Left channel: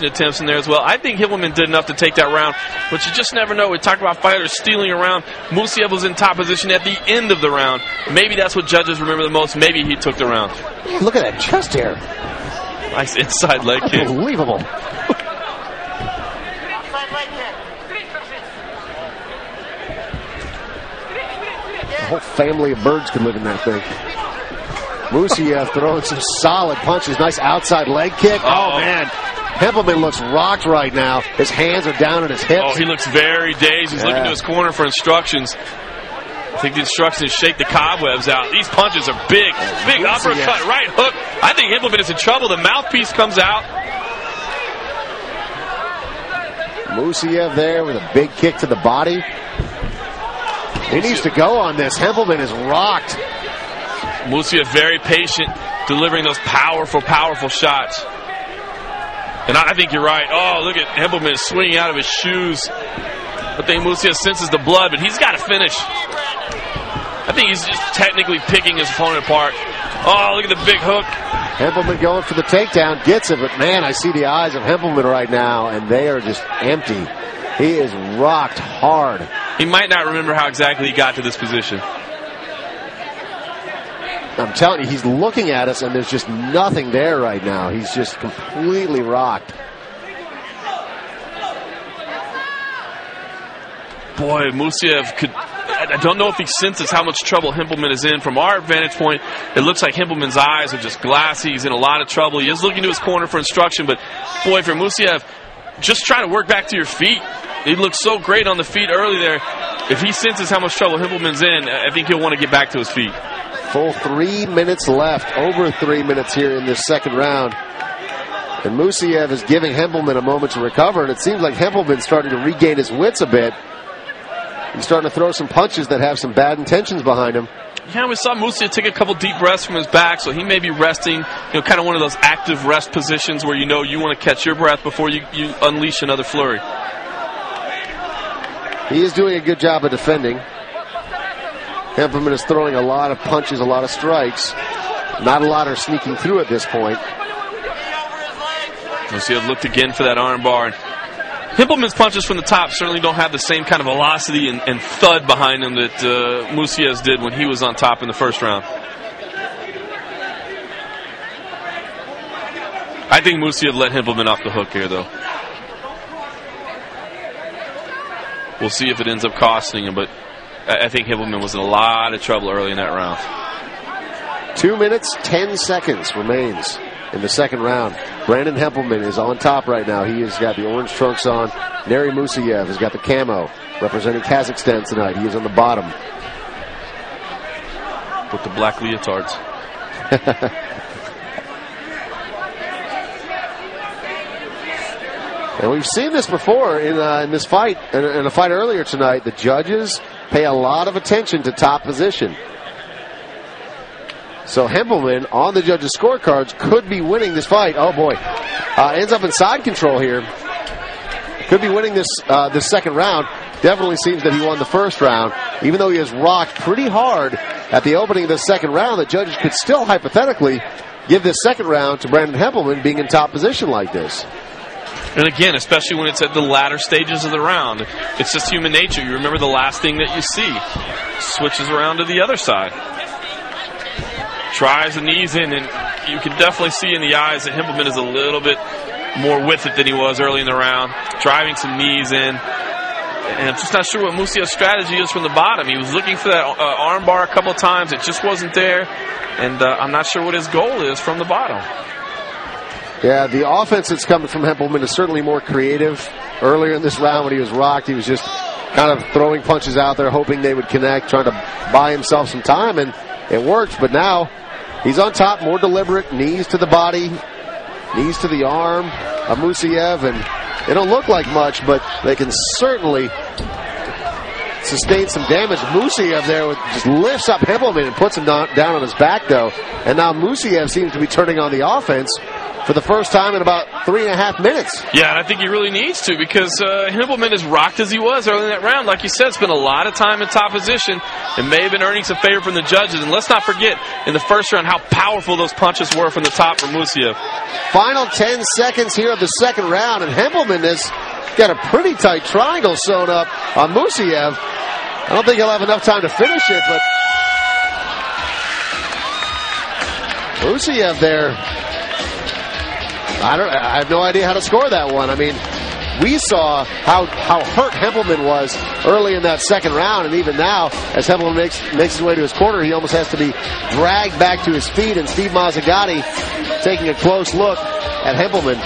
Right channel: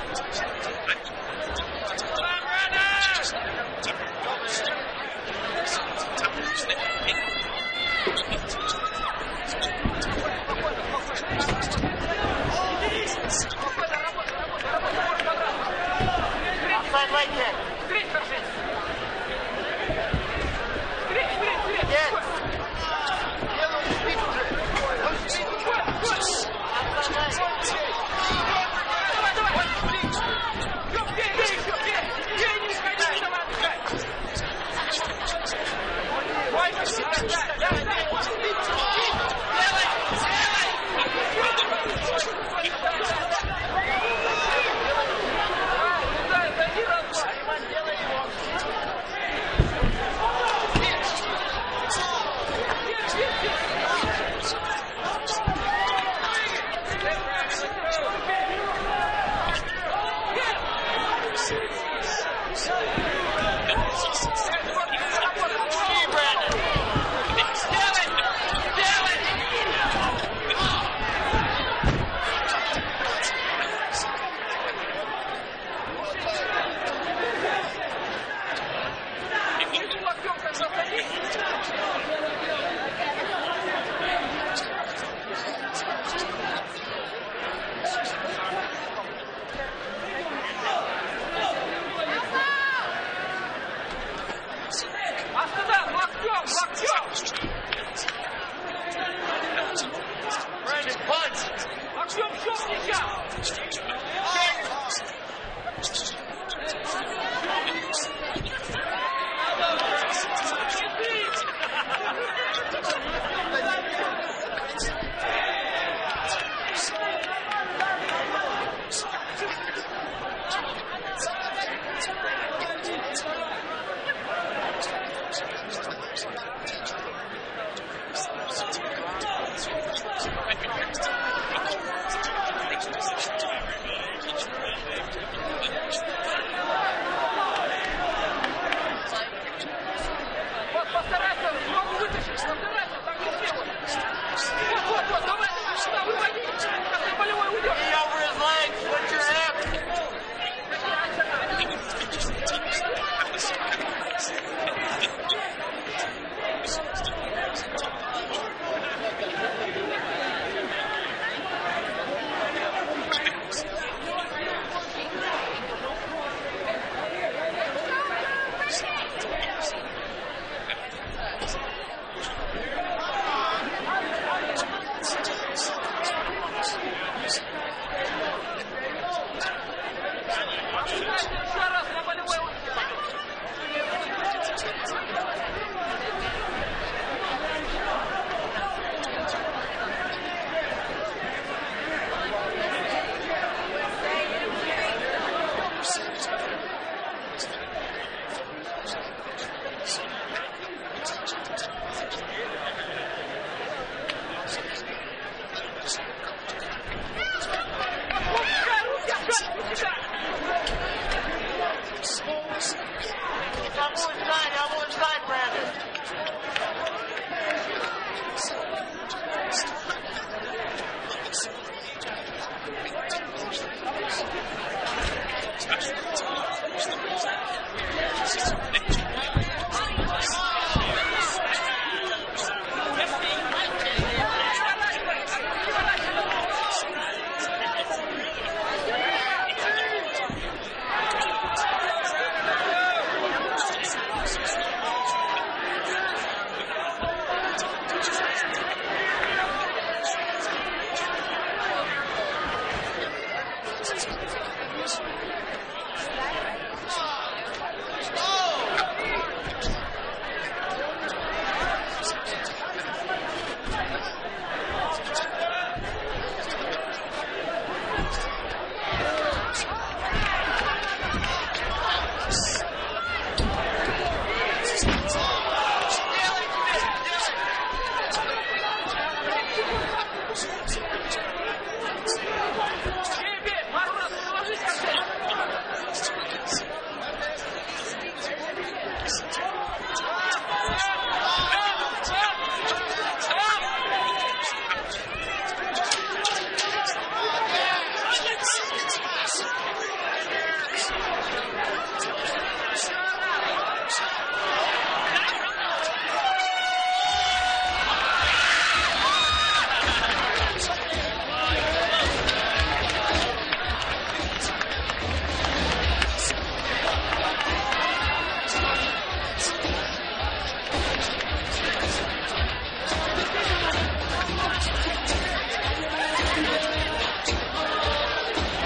attempts in there as well. I think Himmelman did enough to take that round, but you just never know. We talked about fighters stealing around. Musiev was in top position at the end of the round. Maybe that's what judges remember the most. Maybe he took the round. Look at that chest hair. Nice inside leg kick. Unbelievable. A whole family of birds could live in that thing. Musiev throwing some solid punches. Nice outside leg kick. Oh, man. Hempelman looks rocked right now. His hands are down on his hips. Oh, he looks very dazed. He's looking to his corner for instructions. I think the instructions shake the cobwebs out. These punches are big. Big uppercut, right hook. I think Hempelman is in trouble. The mouthpiece comes out. Musiev there with a big kick to the body. He needs to go on this. Hempelman is rocked. Musiev very patient, delivering those powerful, powerful shots. And I think you're right. Oh, look at Hempelman swinging out of his shoes. I think Musiev senses the blood, but he's got to finish. I think he's just technically picking his opponent apart. Oh, look at the big hook. Hempelman going for the takedown, gets it, but man, I see the eyes of Hempelman right now, and they are just empty. He is rocked hard. He might not remember how exactly he got to this position. I'm telling you, he's looking at us, and there's just nothing there right now. He's just completely rocked. Boy, Musiev could... I don't know if he senses how much trouble Hempelman is in. From our vantage point, it looks like Hempelman's eyes are just glassy. He's in a lot of trouble. He is looking to his corner for instruction, but boy, for Musiev, just try to work back to your feet. He looked so great on the feet early there. If he senses how much trouble Hempelman's in, I think he'll want to get back to his feet. Full 3 minutes left. Over 3 minutes here in this second round. And Musiev is giving Hempelman a moment to recover, and it seems like Hempelman's starting to regain his wits a bit. He's starting to throw some punches that have some bad intentions behind him. Yeah, we saw Musiev take a couple deep breaths from his back, so he may be resting, kind of one of those active rest positions where you want to catch your breath before you unleash another flurry. He is doing a good job of defending. Hempelman is throwing a lot of punches, a lot of strikes. Not a lot are sneaking through at this point. Musiev looked again for that arm bar. Hempelman's punches from the top certainly don't have the same kind of velocity and thud behind him that Musiev's did when he was on top in the first round. I think Musiev let Hempelman off the hook here, though. We'll see if it ends up costing him, but I think Hempelman was in a lot of trouble early in that round. 2 minutes, 10 seconds remains in the second round. Brandon Hempelman is on top right now. He has got the orange trunks on. Nary Musiev has got the camo representing Kazakhstan tonight. He is on the bottom. With the black leotards. And we've seen this before in this fight, in a fight earlier tonight. The judges pay a lot of attention to top position. So Hempelman on the judges' scorecards could be winning this fight. Oh boy, ends up in side control here. Could be winning this second round. Definitely seems that he won the first round. Even though he was rocked pretty hard at the opening of the second round, the judges could still hypothetically give this second round to Brandon Hempelman being in top position like this. And again, especially when it's at the latter stages of the round, it's just human nature. You remember the last thing that you see. Switches around to the other side. Tries the knees in, and you can definitely see in the eyes that Hempelman is a little bit more with it than he was early in the round. Driving some knees in. And I'm just not sure what Musiev's strategy is from the bottom. He was looking for that arm bar a couple of times. It just wasn't there. And I'm not sure what his goal is from the bottom. Yeah, the offense that's coming from Hempelman is certainly more creative. Earlier in this round when he was rocked, he was just kind of throwing punches out there, hoping they would connect, trying to buy himself some time, and it worked. But now he's on top, more deliberate, knees to the body, knees to the arm of Musiev, and they don't look like much, but they can certainly sustain some damage. Musiev there just lifts up Hempelman and puts him down on his back, though. And now Musiev seems to be turning on the offense. for the first time in about 3.5 minutes. Yeah, and I think he really needs to, because Himpleman, as rocked as he was early in that round, like you said, spent a lot of time in top position and may have been earning some favor from the judges. And let's not forget, in the first round, how powerful those punches were from the top from Mussaiev. Final 10 seconds here of the second round, and Himpleman has got a pretty tight triangle sewn up on Mussaiev. I don't think he'll have enough time to finish it, but Mussaiev there, I have no idea how to score that one. I mean, we saw how hurt Himpleman was early in that second round, and even now, as Himpleman makes his way to his corner, he almost has to be dragged back to his feet, and Steve Mazzagatti taking a close look at Himpleman.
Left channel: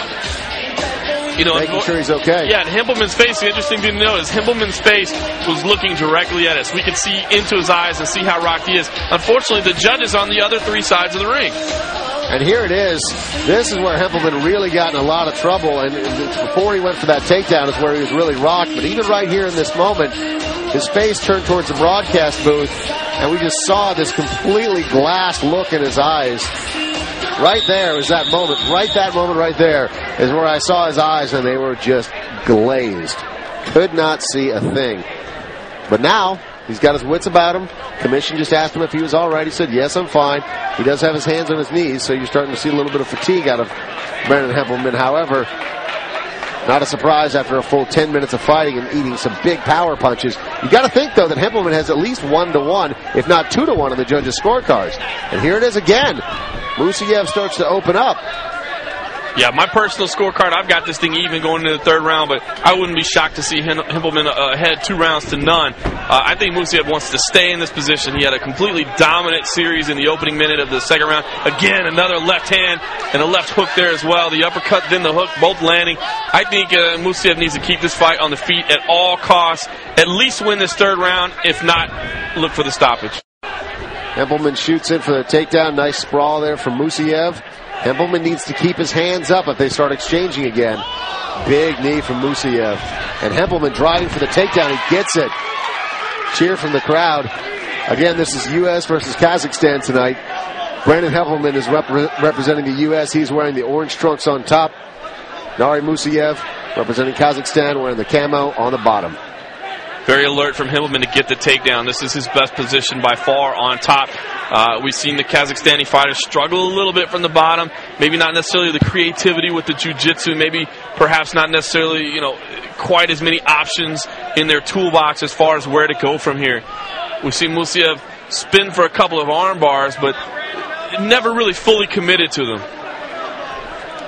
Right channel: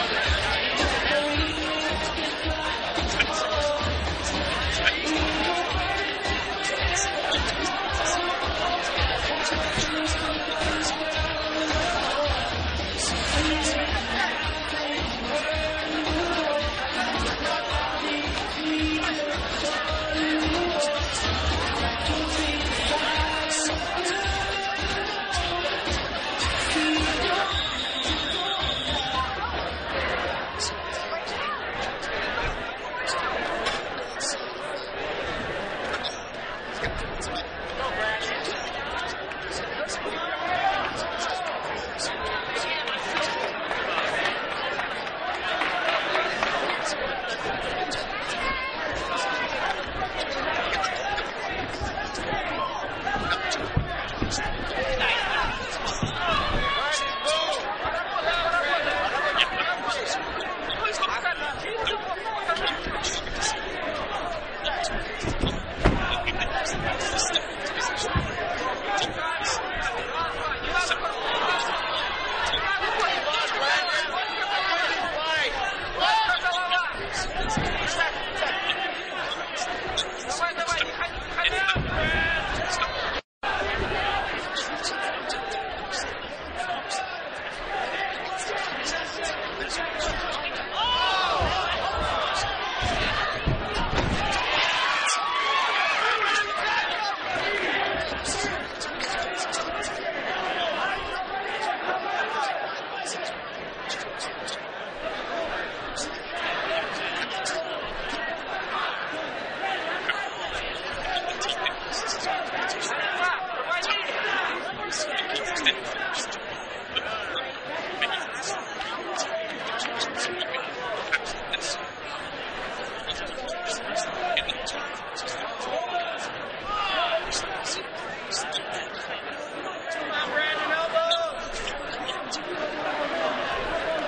Making sure he's okay. Yeah, and Himpleman's face, the interesting thing to note is Himpleman's face was looking directly at us. We could see into his eyes and see how rocked he is. Unfortunately, the judges on the other three sides of the ring. And here it is. This is where Himpleman really got in a lot of trouble. And before he went for that takedown is where he was really rocked. But even right here in this moment, his face turned towards the broadcast booth, and we just saw this completely glass look in his eyes. Right there is that moment. That moment right there is where I saw his eyes, and they were just glazed. Could not see a thing. But now, he's got his wits about him. Commission just asked him if he was all right. He said, yes, I'm fine. He does have his hands on his knees, so you're starting to see a little bit of fatigue out of Brandon Himpleman. However, not a surprise after a full 10 minutes of fighting and eating some big power punches. You got to think, though, that Himpleman has at least 1-1, if not 2-1 in the judges' scorecards. And here it is again. Mussaiev starts to open up. Yeah, my personal scorecard, I've got this thing even going into the third round, but I wouldn't be shocked to see Himpleman ahead 2 rounds to none. I think Mussaiev wants to stay in this position. He had a completely dominant series in the opening minute of the second round. Again, another left hand and a left hook there as well. The uppercut, then the hook, both landing. I think Mussaiev needs to keep this fight on the feet at all costs. At least win this third round. If not, look for the stoppage. Himpleman shoots in for the takedown. Nice sprawl there from Mussaiev. Himpleman needs to keep his hands up if they start exchanging again. Big knee from Mussaiev. And Himpleman driving for the takedown. He gets it. Cheer from the crowd. Again, this is U.S. versus Kazakhstan tonight. Brandon Himpleman is representing the U.S. He's wearing the orange trunks on top. Nari Mussaiev representing Kazakhstan wearing the camo on the bottom. Very alert from Himpleman to get the takedown. This is his best position by far on top. We've seen the Kazakhstani fighters struggle a little bit from the bottom. Maybe not necessarily the creativity with the jiu-jitsu. Maybe perhaps not necessarily, quite as many options in their toolbox as far as where to go from here. We've seen Mussaiev spin for a couple of arm bars, but never really fully committed to them.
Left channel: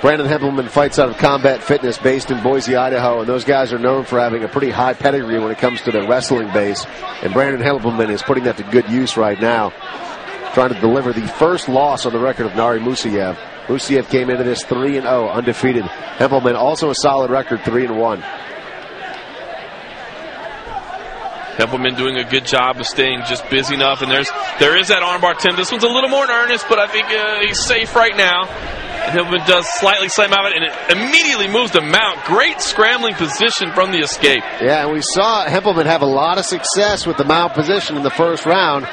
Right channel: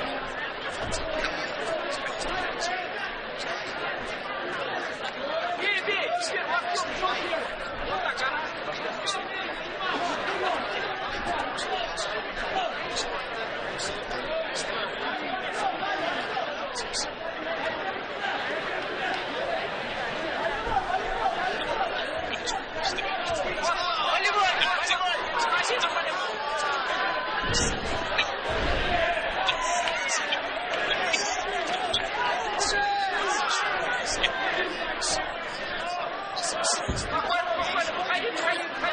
Brandon Himpleman fights out of Combat Fitness based in Boise, Idaho, and those guys are known for having a pretty high pedigree when it comes to their wrestling base. And Brandon Himpleman is putting that to good use right now, trying to deliver the first loss on the record of Nari Mussaiev. Mussaiev came into this 3-0, undefeated. Himpleman also a solid record, 3-1. Himpleman doing a good job of staying just busy enough, and there is that armbar attempt. This one's a little more in earnest, but I think he's safe right now. Himpleman does slightly slam out of it, and it immediately moves to mount. Great scrambling position from the escape. Yeah, and we saw Himpleman have a lot of success with the mount position in the first round.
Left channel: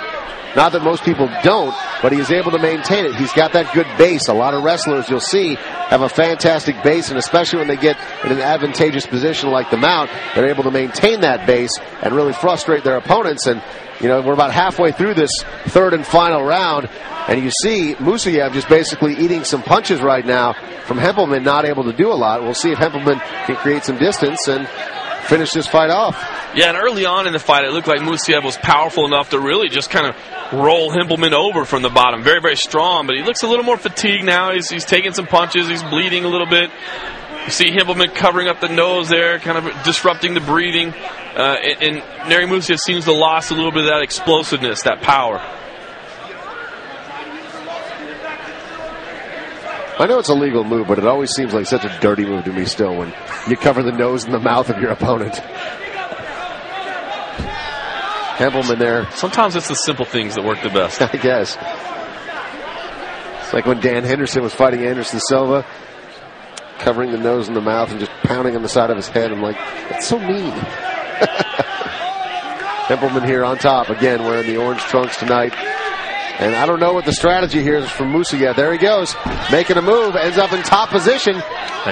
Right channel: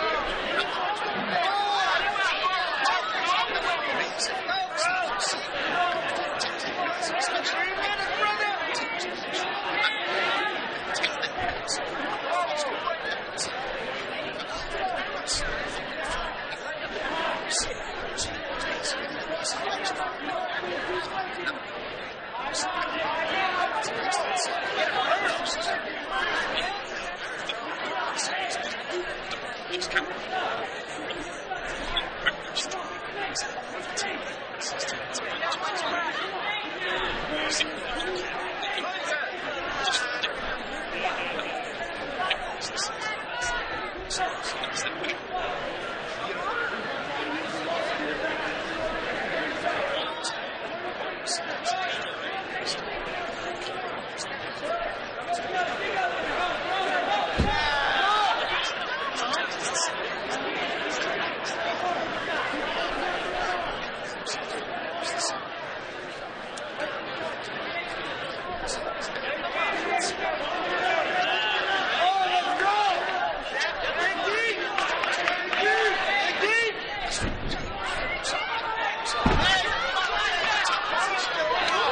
Not that most people don't, but he is able to maintain it. He's got that good base. A lot of wrestlers you'll see have a fantastic base, and especially when they get in an advantageous position like the mount, they're able to maintain that base and really frustrate their opponents. And, we're about halfway through this third and final round, and you see Mussaiev just basically eating some punches right now from Himpleman, not able to do a lot. We'll see if Himpleman can create some distance and finish this fight off. Yeah, and early on in the fight, it looked like Mussaiev was powerful enough to really just kind of roll Himpleman over from the bottom. Very, very strong, but he looks a little more fatigued now. He's taking some punches. He's bleeding a little bit. You see Himpleman covering up the nose there, kind of disrupting the breathing. And Nari Mussaiev seems to have lost a little bit of that explosiveness, that power. I know it's a legal move, but it always seems like such a dirty move to me still when you cover the nose and the mouth of your opponent. Himpleman there. Sometimes it's the simple things that work the best. I guess. It's like when Dan Henderson was fighting Anderson Silva, covering the nose and the mouth and just pounding on the side of his head. I'm like, it's so mean. Himpleman here on top again, wearing the orange trunks tonight. And I don't know what the strategy here is from Mussaiev. There he goes, making a move, ends up in top position.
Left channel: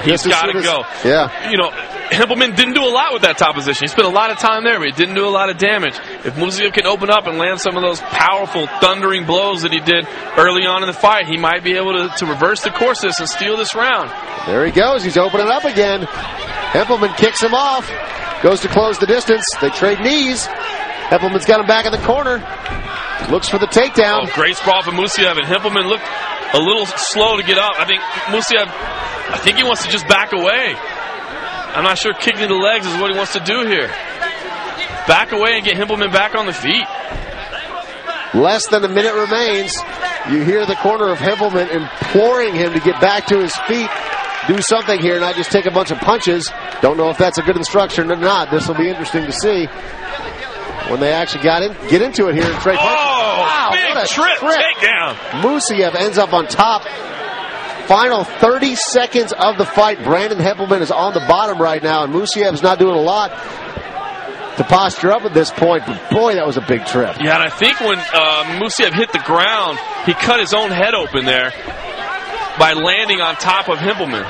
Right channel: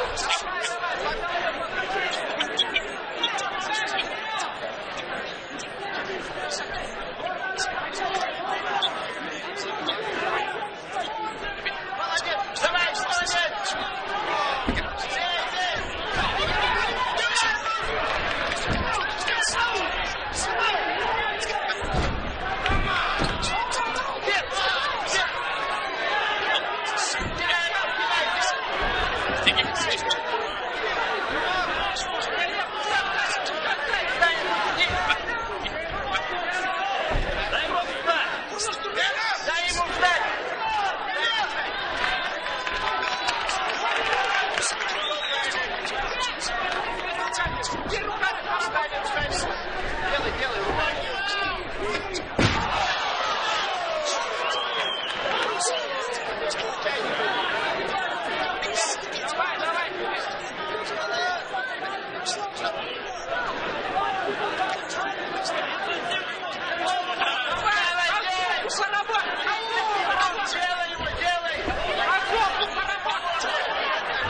He's got to go. Yeah. You know, Himpelman didn't do a lot with that top position. He spent a lot of time there, but he didn't do a lot of damage. If Mussaiev can open up and land some of those powerful, thundering blows that he did early on in the fight, he might be able to reverse the course of this and steal this round. There he goes. He's opening up again. Himpelman kicks him off. Goes to close the distance. They trade knees. Himpelman's got him back in the corner. Looks for the takedown. Oh, great sprawl from Mussaiev, and Himpelman looked a little slow to get up. I think Mussaiev, he wants to just back away. I'm not sure kicking to the legs is what he wants to do here. Back away and get Himpelman back on the feet. Less than a minute remains. You hear the corner of Himpelman imploring him to get back to his feet, do something here, not just take a bunch of punches. Don't know if that's a good instruction or not. This will be interesting to see when they actually get into it here in Trey Park. Oh, wow, big trip takedown. Mussaiev ends up on top. Final 30 seconds of the fight. Brandon Himpelman is on the bottom right now, and Moussiev's not doing a lot to posture up at this point. But boy, that was a big trip. Yeah, and I think when Moussiev hit the ground, he cut his own head open there by landing on top of Himpelman.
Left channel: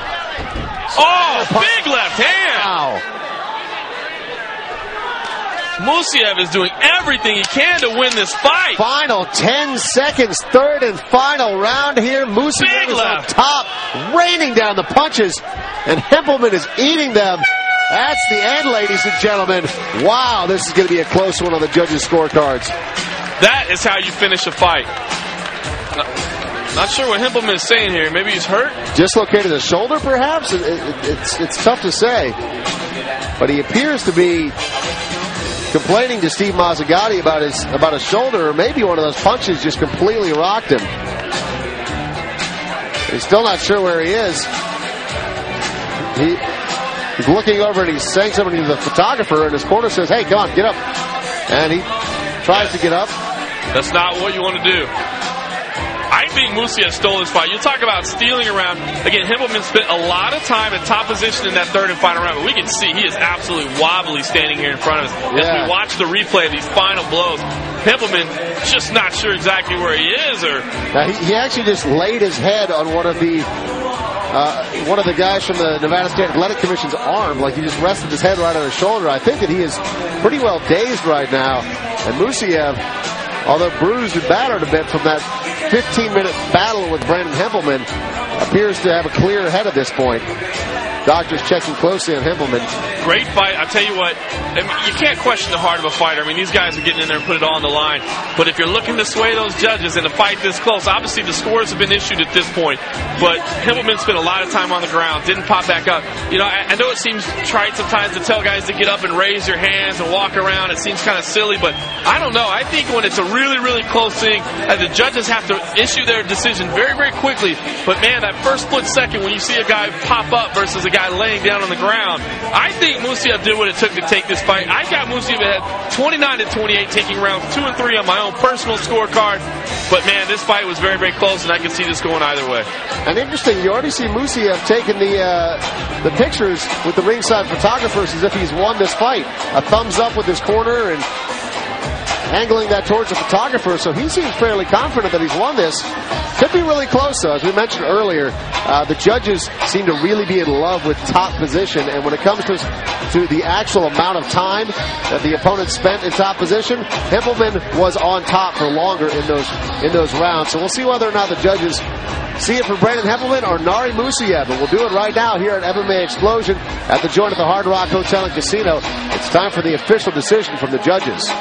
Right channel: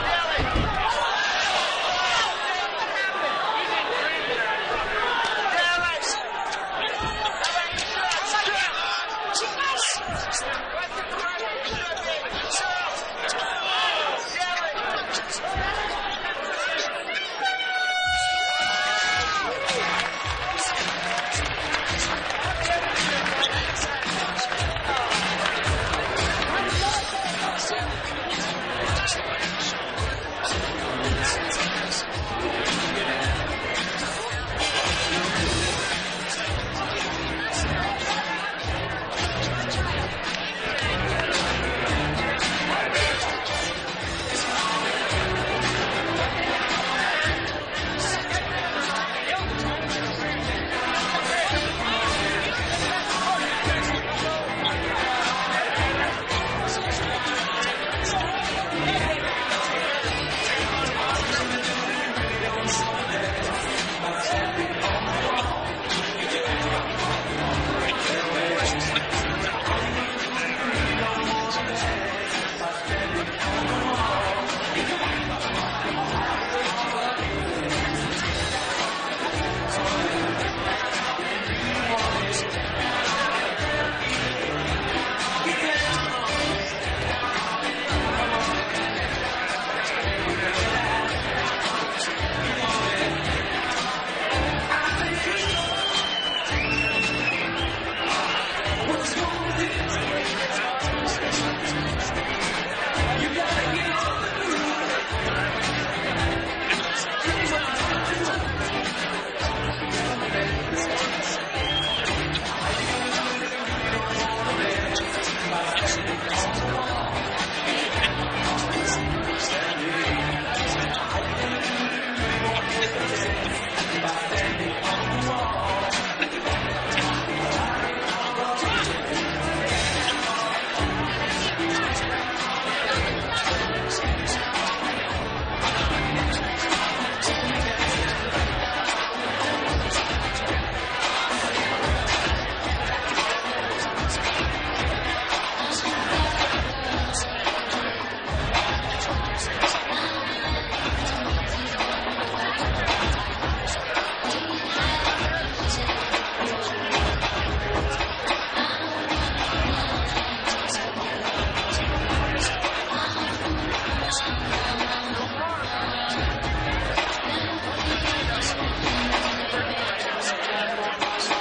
Oh, big left hand. Wow. Moussiev is doing everything he can to win this fight. Final 10 seconds, third and final round here. Moussiev is on top, raining down the punches, and Himpelman is eating them. That's the end, ladies and gentlemen. Wow, this is going to be a close one on the judges' scorecards. That is how you finish a fight. Not sure what Himpelman is saying here. Maybe he's hurt. Dislocated the shoulder, perhaps? It's tough to say. But he appears to be complaining to Steve Mazzagatti about his shoulder, or maybe one of those punches just completely rocked him. He's still not sure where he is. He's looking over and he's saying something to the photographer, and his corner says, "Hey, come on, get up." And he tries to get up. That's not what you want to do. I think Moussiev stole this fight. You talk about stealing around. Again, Himpelman spent a lot of time in top position in that third and final round. We can see he is absolutely wobbly standing here in front of us. Yeah. As we watch the replay of these final blows, Himpelman just not sure exactly where he is. Now, he actually just laid his head on one of the guys from the Nevada State Athletic Commission's arm. Like, he just rested his head right on his shoulder. I think that he is pretty well dazed right now. And Moussiev, although bruised and battered a bit from that 15-minute battle with Brandon Himpelman, appears to have a clear head at this point. Doctors checking closely on Himpelman. Great fight. I tell you what, you can't question the heart of a fighter. I mean, these guys are getting in there and put it all on the line. But if you're looking to sway those judges in a fight this close, obviously the scores have been issued at this point. But Himpelman spent a lot of time on the ground, didn't pop back up. You know, I know it seems trite sometimes to tell guys to get up and raise your hands and walk around. It seems kind of silly, but I don't know. I think when it's a really, really close thing, and the judges have to issue their decision very, very quickly. But man, that first split second when you see a guy pop up versus a guy laying down on the ground, I think Moussiev did what it took to take this fight. I got Moussiev ahead 29-28, taking rounds 2 and 3 on my own personal scorecard. But man, this fight was very, very close, and I can see this going either way. And interesting, you already see Moussiev taking the pictures with the ringside photographers as if he's won this fight. A thumbs up with his corner and angling that towards the photographer, so he seems fairly confident that he's won this. Could be really close, though. As we mentioned earlier, the judges seem to really be in love with top position, and when it comes to the actual amount of time that the opponent spent in top position, Himpelman was on top for longer in those rounds. So we'll see whether or not the judges see it for Brandon Himpelman or Nari Moussiev, and we'll do it right now here at MMA Explosion at the joint of the Hard Rock Hotel and Casino. It's time for the official decision from the judges.